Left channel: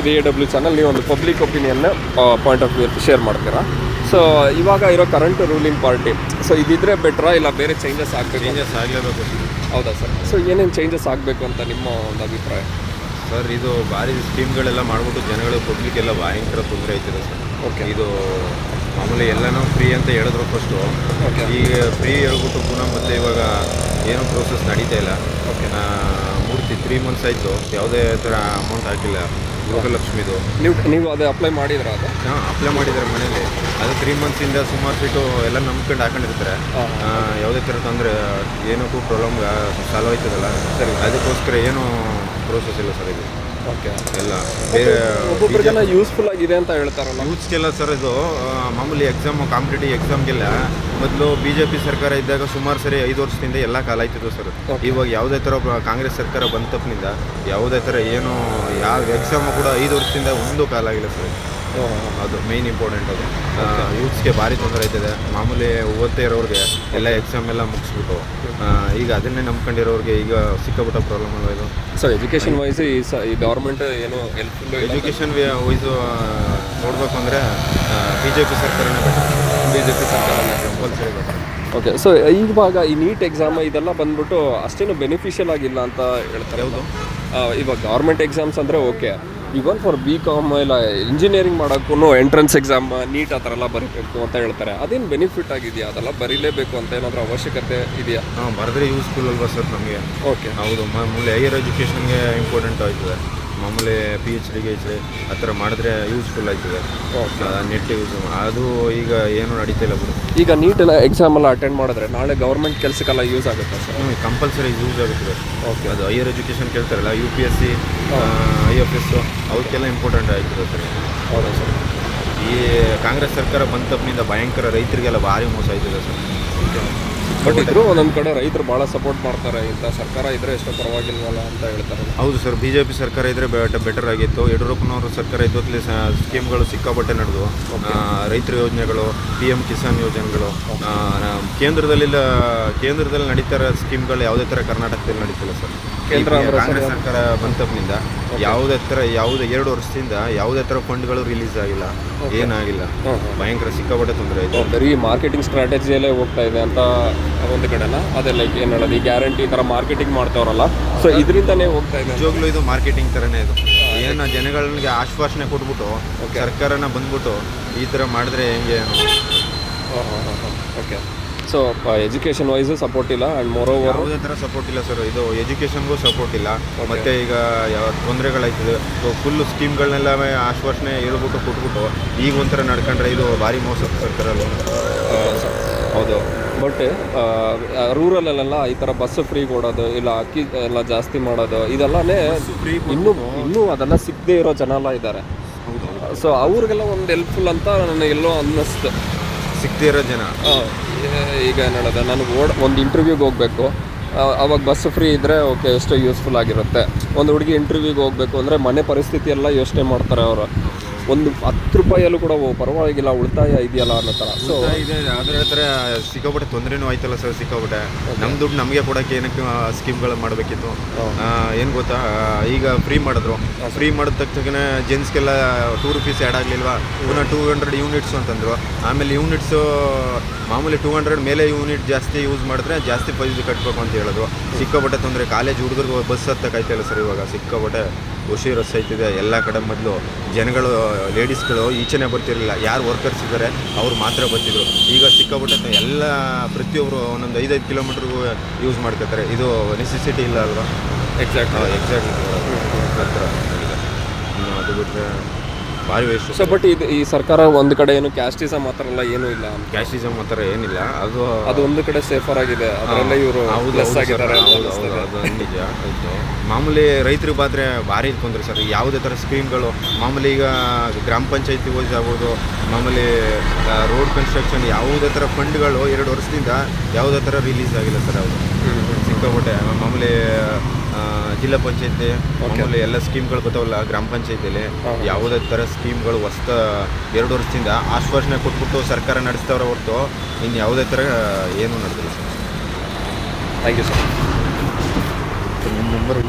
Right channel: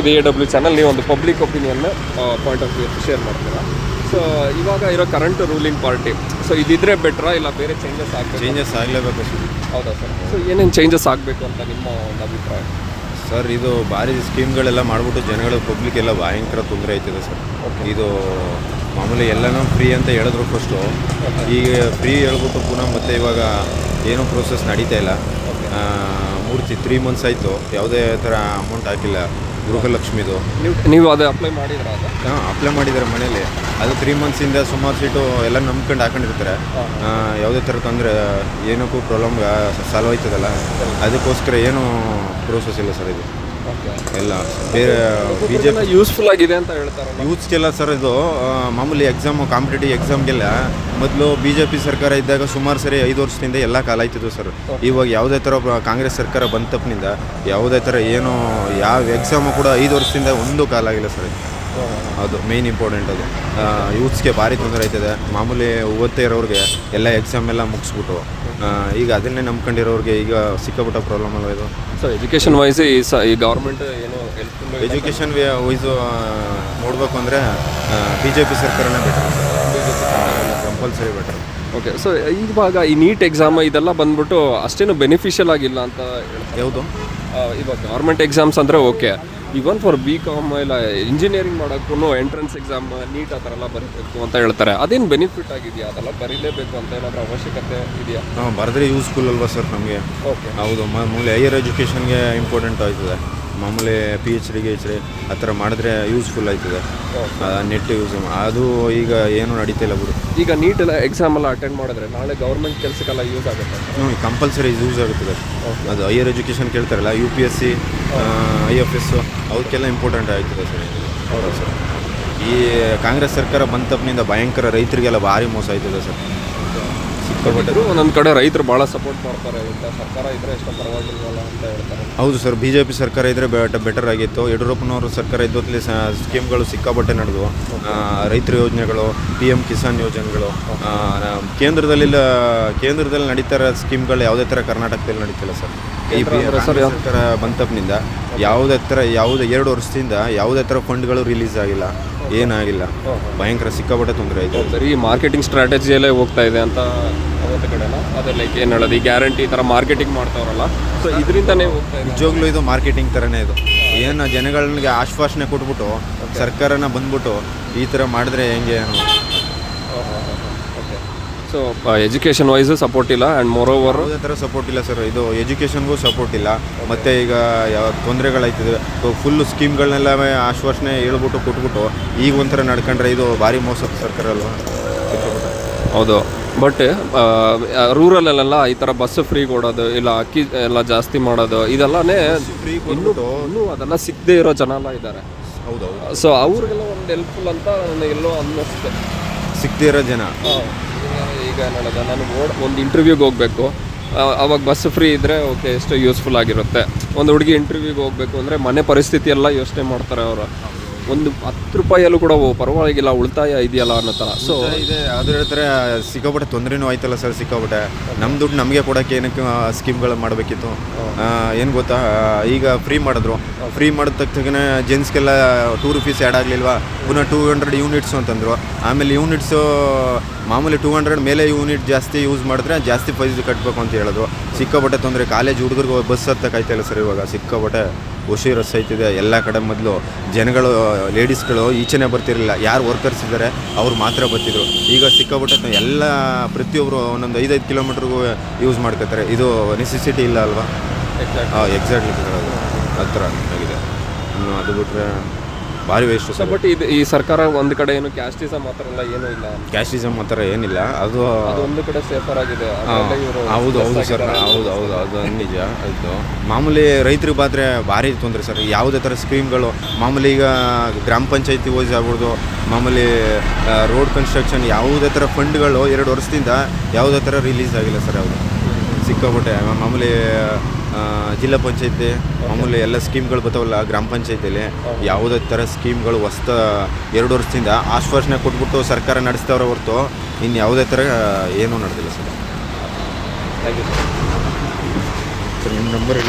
ಇದು A W channel ನೀವು ಒಂದು ಪಬ್ಲಿಕ್ ಒಪಿನಿಯನ್ನ ಪಾಯಿಂಟ್ ಆಫ್ ವ್ಯೂ ಶೇರ್ ಮಾಡ್ತೀರಾ? ಸೊ ಇವಾಗ ಇರೋ ಕರೆಂಟ್ ರೂಲಿಂಗ್ ಪಾರ್ಟಿ ಸೊ ಇದಿದ್ರೆ ಬೆಟ್ರಾ ಇಲ್ಲ ಬೇರೆ ಚೇಂಜಸ್ ಆಗಬೇಕು? ಚೇಂಜಸ್ ಆಗಲೇಬೇಕು. ಹೌದಾ ಸರ್ ಸೊ ಏನೇನು ಚೇಂಜಸ್ ಆಗಬೇಕು ಅಂತ ನಿಮ್ಮ ಒಂದು ಅಭಿಪ್ರಾಯ? ಸರ್ ಇದು ಭಾರಿ ಸ್ಕೀಮ್ಗಳೆಲ್ಲ ಮಾಡಿಬಿಟ್ಟು ಜನಗಳು ಪಬ್ಲಿಕ್ ಎಲ್ಲ ಭಯಂಕರ ತೊಂದರೆ ಆಯ್ತಿದೆ ಸರ್ ಓಕೆ ಇದು ಮಾಮೂಲಿ ಎಲ್ಲನೂ ಫ್ರೀ ಅಂತ ಹೇಳಿದ್ರು ಫಸ್ಟು ಈಗ ಫ್ರೀ ಹೇಳ್ಬಿಟ್ಟು ಪುನಃ ಮತ್ತೆ ಇವಾಗ ಏನು ಪ್ರೋಸೆಸ್ ನಡೀತಾ ಇಲ್ಲ. ಆ, ಪೂರ್ತಿ ತ್ರೀ ಮಂತ್ಸ್ ಆಯಿತು. ಯಾವುದೇ ಥರ ಅಮೌಂಟ್ ಹಾಕಿಲ್ಲ. ಗೃಹಲಕ್ಷ್ಮಿದು. ನೀವು ನೀವು ಅದು ಅಪ್ಲೈ ಮಾಡಿದ್ರೆ ಅದು? ಹಾಂ ಅಪ್ಲೈ ಮಾಡಿದ್ದಾರೆ ಮನೇಲಿ. ಅದು ತ್ರೀ ಮಂತ್ಸಿಂದ ಸುಮಾರು ಸೀಟು ಎಲ್ಲ ನಂಬ್ಕೊಂಡು ಹಾಕೊಂಡಿರ್ತಾರೆ. ಯಾವುದೇ ಥರ ತೊಂದರೆ ಏನಕ್ಕೂ ಪ್ರಾಬ್ಲಮ್ ಸಾಲ್ವ್ ಆಯ್ತದಲ್ಲ ಅದಕ್ಕೋಸ್ಕರ ಏನು ಪ್ರೋಸೆಸ್ ಇಲ್ಲ ಸರ್ ಇದು. ಎಲ್ಲ. ಬೇರೆ ಯೂಸ್ಫುಲ್ ಆಗಿದೆ ಅಂತ ಹೇಳ್ತಾರೆ ಯೂತ್ಸ್ಗೆಲ್ಲ ಸರ್ ಇದು ಮಾಮೂಲಿ ಎಕ್ಸಾಮ್ ಕಾಂಪಿಟೇಟಿವ್ ಎಕ್ಸಾಮ್ಗೆಲ್ಲ ಮೊದಲು ಬಿ ಜೆ ಪಿ ಸರ್ಕಾರ ಇದ್ದಾಗ ಸುಮಾರು ಸರಿ ಐದು ವರ್ಷದಿಂದ ಎಲ್ಲ ಕಾಲ ಆಯ್ತಿದ್ವು ಸರ್ ಇವಾಗ ಯಾವುದೇ ಥರ ಕಾಂಗ್ರೆಸ್ ಸರ್ಕಾರ ಬಂದ ತಪ್ಪಿನಿಂದ ಯಾವುದೇ ಥರ ಏನು ಯಾವ ಎಕ್ಸಾಮು ಕೂಡ ಐದು ವರ್ಷದಿಂದ ಒಂದು ಕಾಲ ಆಗಿಲ್ಲ ಸರ್ ಅದು ಮೇಯ್ನ್ ಇಂಪಾರ್ಟೆಂಟ್ ಅದು. ಯೂತ್ಸ್ಗೆ ಭಾರಿ ತೊಂದರೆ ಆಯ್ತದೆ. ಮಾಮೂಲಿ ಓದ್ತಾ ಇರೋರಿಗೆ ಎಲ್ಲ ಎಕ್ಸಾಮ್ ಎಲ್ಲ ಮುಗಿಸ್ಬಿಟ್ಟು ಈಗ ಅದನ್ನೇ ನಂಬ್ಕೊಂಡಿರೋರಿಗೆ ಈಗ ಸಿಕ್ಕಾಪಟ್ಟ ಪ್ರಾಬ್ಲಮ್ ಆಗಿದೆ ಇದು? ಸೊ ಎಜುಕೇಷನ್ ವೈಸ್ ಈ ಸ ಈ ಗೌರ್ಮೆಂಟ್ ಏನು ಹೆಲ್ಪ್ಫುಲ್ ಎಜುಕೇಷನ್ ವೈಸು ನೋಡ್ಬೇಕಂದ್ರೆ ಅಂದರೆ ಬಿ ಜೆ ಪಿ ಸರ್ಕಾರನೇ better B J P compulsory better okay so ಇವಾಗ ಈ ನೀಟ್ ಎಕ್ಸಾಮ್ ಇದೆಲ್ಲ ಬಂದ್ಬಿಟ್ಟು ಅಷ್ಟೇನು ಬೆನಿಫಿಷಿಯಲ್ ಆಗಿಲ್ಲ ಅಂತ ಹೇಳ್ತಾರೆ. ಹೌದು. ಇವಾಗ ಗೌರ್ಮೆಂಟ್ ಎಕ್ಸಾಮ್ಸ್ ಅಂದರೆ okay even for B com ಇಲ್ಲ ಇಂಜಿನಿಯರಿಂಗ್ ಮಾಡೋಕ್ಕೂ ಎಂಟ್ರೆನ್ಸ್ ಎಕ್ಸಾಮ್ ನೀಟ್ ಆ ಥರ ಎಲ್ಲ ಬರೀಬೇಕು ಅಂತ ಹೇಳ್ತಾರೆ. ಅದೇನು ಬೆನಿಫಿಟ್ ಆಗಿದೆಯಾ? ಅದೆಲ್ಲ ಬರೀಲೇಬೇಕು ಅಂತ ಏನಾದರೂ ಅವಶ್ಯಕತೆ ಇದೆಯಾ? ಬರೆದ್ರೆ ಯೂಸ್ಫುಲ್ ಅಲ್ವಾ ಸರ್ ನಮಗೆ? ಓಕೆ ಹೌದು ಮಾಮೂಲಿ ಹೈಯರ್ ಎಜುಕೇಷನ್ಗೆ ಇಂಪಾರ್ಟೆಂಟ್ ಆಯ್ತದೆ ಮಾಮೂಲಿ P H D H D ಆ ಥರ ಮಾಡಿದ್ರೆ ಯೂಸ್ಫುಲ್ ಆಯ್ತದೆ. ನೆಟ್ ಯೂಸ್ ಅದು ಈಗ ಏನು ನಡೀತಾ ಇಲ್ಲ ಬಿಡು ಈಗ ನೀಟ್ ಎಲ್ಲ ಎಕ್ಸಾಮ್ ಎಲ್ಲ ಅಟೆಂಡ್ ಮಾಡಿದ್ರೆ ನಾಳೆ ಗೌರ್ಮೆಂಟ್ ಕೆಲಸಕ್ಕೆಲ್ಲ ಯೂಸ್ ಆಗುತ್ತೆ? ಸರ್ ನೋಡಿ ಕಂಪಲ್ಸರಿ ಯೂಸ್ ಆಗುತ್ತದೆ. ಅದು higher education ಕೇಳ್ತಾರಲ್ಲ U P S C I F S ಅವಕ್ಕೆಲ್ಲ ಇಂಪಾರ್ಟೆಂಟ್ ಆಯ್ತದೆ ಸರ್. ಹೌದಾ ಸರ್. ಈ ಕಾಂಗ್ರೆಸ್ ಸರ್ಕಾರ ಬಂದ ತಪ್ಪಿನಿಂದ ಭಯಂಕರ ರೈತರಿಗೆಲ್ಲ ಭಾರಿ ಮೋಸ ಆಯ್ತದೆ ಸರ್. ಇದ್ರು ಒಂದೊಂದು ಕಡೆ ರೈತರು ಭಾಳ ಸಪೋರ್ಟ್ ಮಾಡ್ತಾರೆ. ಇಂಥ ಸರ್ಕಾರ ಇದ್ರೆ ಎಷ್ಟು ಪರವಾಗಿಲ್ಲ ಅಂತ ಹೇಳ್ತಾರೆ. ಹೌದು ಸರ್ ಬಿ ಜೆ ಪಿ ಸರ್ಕಾರ ಇದ್ದರೆ ಬೆಟರ್ ಆಗಿತ್ತು. ಯಡಿಯೂರಪ್ಪನವರು ಸರ್ಕಾರ ಇದ್ದೊತ್ತಲ್ಲಿ ಸ್ಕೀಮ್ಗಳು ಸಿಕ್ಕಾಪಟ್ಟೆ ನಡೆದು ರೈತರ ಯೋಜನೆಗಳು ಪಿ ಎಂ ಕಿಸಾನ್ ಯೋಜನೆಗಳು ಕೇಂದ್ರದಲ್ಲಿ ಕೇಂದ್ರದಲ್ಲಿ ನಡೀತಾರ ಇರೋ ಸ್ಕೀಮ್ಗಳು ಯಾವುದೇ ಥರ ಕರ್ನಾಟಕದಲ್ಲಿ ನಡೀತಿಲ್ಲ ಸರ್. ಕೇಂದ್ರ ಸರ್ಕಾರ ಬಂದ ತಪ್ಪಿನಿಂದ ಯಾವುದೇ ಥರ ಯಾವುದೇ ಎರಡು ವರ್ಷದಿಂದ ಯಾವುದೇ ಥರ ಫಂಡ್ಗಳು ರಿಲೀಸ್ ಆಗಿಲ್ಲ. ಏನಾಗಿಲ್ಲ ಭಯಂಕರ ಸಿಕ್ಕಾಪಟ್ಟೆ ತೊಂದರೆ ಆಯಿತು. ಬರೀ ಮಾರ್ಕೆಟಿಂಗ್ ಸ್ಟ್ರಾಟಜಿಯಲ್ಲೇ ಹೋಗ್ತಾ ಇದೆ ಅಂತ ಒಂದು ಕಡೆನ? ಅದೇ ಲೈಕ್ ಏನು ಹೇಳೋದು ಈ ಗ್ಯಾರಂಟಿ ಥರ ಮಾರ್ಕೆಟಿಂಗ್ ಮಾಡ್ತಾವ್ರಲ್ಲ. ಸೊ ಇದರಿಂದನೇ ಹೋಗ್ತಾ ಇದೆ. ನಿಜವಾಗ್ಲೂ ಇದು ಮಾರ್ಕೆಟಿಂಗ್ ಥರನೇ ಇದು. ಏನು ಜನಗಳಿಗೆ ಆಶ್ವಾಸನೆ ಕೊಟ್ಬಿಟ್ಟು ಸರ್ಕಾರನ ಬಂದ್ಬಿಟ್ಟು ಈ ಥರ ಮಾಡಿದ್ರೆ ಹೆಂಗೆ? ಸೊ ಎಜುಕೇಷನ್ ವೈಸ್ ಸಪೋರ್ಟ್ ಇಲ್ಲ ಆ್ಯಂಡ್ ಮೋರ್ ಓವರ್ ಯಾವುದೇ ಥರ ಸಪೋರ್ಟ್ ಇಲ್ಲ ಸರ್ ಇದು ಎಜುಕೇಷನ್ಗೂ ಸಪೋರ್ಟ್ ಇಲ್ಲ. ಮತ್ತು ಈಗ ಯಾವ ತೊಂದರೆಗಳಾಯ್ತದೆ. ಫುಲ್ ಸ್ಕೀಮ್ಗಳನ್ನೆಲ್ಲ ಆಶ್ವಾಸನೆ ಹೇಳ್ಬಿಟ್ಟು ಕೊಟ್ಬಿಟ್ಟು ಈಗ ಒಂಥರ ನಡ್ಕೊಂಡ್ರೆ ಇದು ಭಾರಿ ಮೋಸ ಸರ್ಕಾರ ಅಲ್ವಾ? ಹೌದು. ಬಟ್ ರೂರಲ್ಲೆಲ್ಲ ಈ ಥರ ಬಸ್ ಫ್ರೀ ಕೊಡೋದು ಇಲ್ಲ ಅಕ್ಕಿ ಎಲ್ಲ ಜಾಸ್ತಿ ಮಾಡೋದು ಇದೆಲ್ಲನೇ ಇನ್ನೂ ಇನ್ನೂ ಅದೆಲ್ಲ ಸಿಗದೇ ಇರೋ ಜನ ಎಲ್ಲ ಇದ್ದಾರೆ ಸೊ ಅವ್ರಿಗೆಲ್ಲ ಒಂದು ಹೆಲ್ಪ್ಫುಲ್ ಅಂತ ನನಗೆಲ್ಲೋ ಅನ್ನಿಸ್ತು. ಸಿಗದೇ ಇರೋ ಜನ. ಈಗ ಹೇಳೋದು ನನಗೆ ಓಡ್ ಒಂದು ಇಂಟರ್ವ್ಯೂಗೆ ಹೋಗಬೇಕು. ಅವಾಗ ಬಸ್ ಫ್ರೀ ಇದ್ದರೆ ಓಕೆ ಎಷ್ಟೋ ಯೂಸ್ಫುಲ್ ಆಗಿರುತ್ತೆ. ಒಂದು ಹುಡುಗಿ ಇಂಟರ್ವ್ಯೂಗೆ ಹೋಗಬೇಕು ಅಂದರೆ ಮನೆ ಪರಿಸ್ಥಿತಿ ಎಲ್ಲ ಯೋಚನೆ ಮಾಡ್ತಾರೆ ಅವರು. ಒಂದು ಹತ್ತು ರೂಪಾಯಲ್ಲೂ ಕೂಡ ಪರವಾಗಿಲ್ಲ, ಉಳಿತಾಯ ಇದೆಯಲ್ಲ ಅನ್ನೋ ಥರ. ಸೊ ಇದೆ. ಅದ್ರ ಹತ್ರ ಸಿಕ್ಕಾಪಟ್ಟೆ ತೊಂದರೆನೂ ಆಯ್ತಲ್ಲ ಸರ್, ಸಿಕ್ಕಾಪಟ್ಟೆ. ನಮ್ಮ ದುಡ್ಡು ನಮಗೆ ಕೊಡೋಕ್ಕೆ ಏನಕ್ಕೆ ಸ್ಕೀಮ್ಗಳು ಮಾಡಬೇಕಿತ್ತು. ಏನು ಗೊತ್ತಾ? ಈಗ ಫ್ರೀ ಮಾಡಿದ್ರು. ಫ್ರೀ ಮಾಡಿದ ತಕ್ಷಣ ಜೆಂಟ್ಸ್ಗೆಲ್ಲ ಟೂ ರುಪೀಸ್ ಆ್ಯಡ್ ಆಗಲಿಲ್ವಾ? ಪುನಃ ಟೂ ಹಂಡ್ರೆಡ್ ಯೂನಿಟ್ಸು ಅಂತಂದರು. ಆಮೇಲೆ ಯೂನಿಟ್ಸು ಮಾಮೂಲಿ ಟೂ ಹಂಡ್ರೆಡ್ ಮೇಲೆ ಯೂನಿಟ್ ಜಾಸ್ತಿ ಯೂಸ್ ಮಾಡಿದ್ರೆ ಜಾಸ್ತಿ ಪೈಸೆ ಕಟ್ಟಬೇಕು ಅಂತ ಹೇಳಿದ್ರು. ಸಿಕ್ಕಾಪಟ್ಟೆ ತೊಂದರೆ. ಕಾಲೇಜ್ ಹುಡುಗರಿಗೆ ಬಸ್ ಹತ್ತಕ್ಕಾಯ್ತಿಲ್ಲ ಸರ್ ಇವಾಗ. ಸಿಕ್ಕಾಪಟ್ಟೆ. ಖುಷಿ ರಸ್ ಐತಿದೆ ಎಲ್ಲ ಕಡೆ ಮೊದಲು ಜನಗಳು ಲೇಡೀಸ್ಗಳು ಈಚೆನೆ ಬರ್ತಿರಲಿಲ್ಲ. ಯಾರು ವರ್ಕರ್ಸ್ ಇದ್ದಾರೆ ಅವ್ರು ಮಾತ್ರ ಬರ್ತಿದ್ರು. ಈಗ ಸಿಕ್ಕಾಪಟ್ಟೆ ಎಲ್ಲ ಪ್ರತಿಯೊಬ್ಬರು ಒಂದೊಂದು ಐದೈದು ಕಿಲೋಮೀಟ್ರಿಗೂ ಯೂಸ್ ಮಾಡ್ಕೋತಾರೆ. ಇದು ನೆಸೆಸಿಟಿ ಇಲ್ಲ ಅಲ್ವಾ? ಎಕ್ಸಾಕ್ಟ್ ಹಾಂ ಎಕ್ಸಾಕ್ಟ್ಲಿ ಹತ್ರ. ಅದು ಬಿಟ್ಟರೆ ಭಾರಿ ವೇಸ್ಟ್ ಸರ್ ಬಟ್ ಇದು ಈ ಸರ್ಕಾರ ಒಂದು ಕಡೆ ಏನು ಕ್ಯಾಸ್ಟಿಸಮ್ ಮಾತ್ರ ಎಲ್ಲ ಏನೂ ಇಲ್ಲ ಕ್ಯಾಸ್ಟಿಸಮ್ ಆ ಥರ ಏನಿಲ್ಲ. ಅದು ಅದು ಒಂದು ಕಡೆ ಸೇಫರ್ ಆಗಿದೆ ಅದರಲ್ಲೇ ಇವರು ಹೌದು ಹೌದು ಸರ್. ಹೌದು ಹೌದು ಅದು ನಿಜ ಹೌದು. ಮಾಮೂಲಿ ರೈತರಿಗೆ ಬಾದ್ರೆ ಭಾರಿ ತೊಂದರೆ ಸರ್. ಯಾವುದೇ ಥರ ಸ್ಕೀಮ್ಗಳು ಮಾಮೂಲಿ ಈಗ ಗ್ರಾಮ ಪಂಚಾಯತಿ ವೈಸ್ ಆಗ್ಬೋದು ಮಾಮೂಲಿ ರೋಡ್ ಕನ್ಸ್ಟ್ರಕ್ಷನ್ ಯಾವುದೇ ಥರ ಫಂಡ್ಗಳು ಎರಡು ವರ್ಷದಿಂದ ಯಾವುದೇ ಥರ ರಿಲೀಸ್ ಆಗಿಲ್ಲ ಸರ್ ಅದು. ಸಿಕ್ಕಾಪಟ್ಟೆ ಮಾಮೂಲಿ ಆ, ಜಿಲ್ಲಾ ಪಂಚಾಯತಿ ಆಮೇಲೆ ಎಲ್ಲ ಸ್ಕೀಮ್ಗಳು ಬರ್ತಾವಲ್ಲ ಗ್ರಾಮ ಪಂಚಾಯತಿಲಿ. ಯಾವುದೇ ಥರ ಸ್ಕೀಮ್ಗಳು ಹೊಸ್ತ ಎರಡು ವರ್ಷದಿಂದ ಆಶ್ವಾಸನೆ ಕೊಟ್ಬಿಟ್ಟು ಸರ್ಕಾರ ನಡೆಸ್ತಾವ್ರೆ ಹೊರತು ಇನ್ನು ಯಾವುದೇ ಥರ ಏನೂ ನಡೆದಿಲ್ಲ ಸರ್. ಥ್ಯಾಂಕ್ ಯು ಸರ್ ನಿಮ್ಮ ನಂಬರ್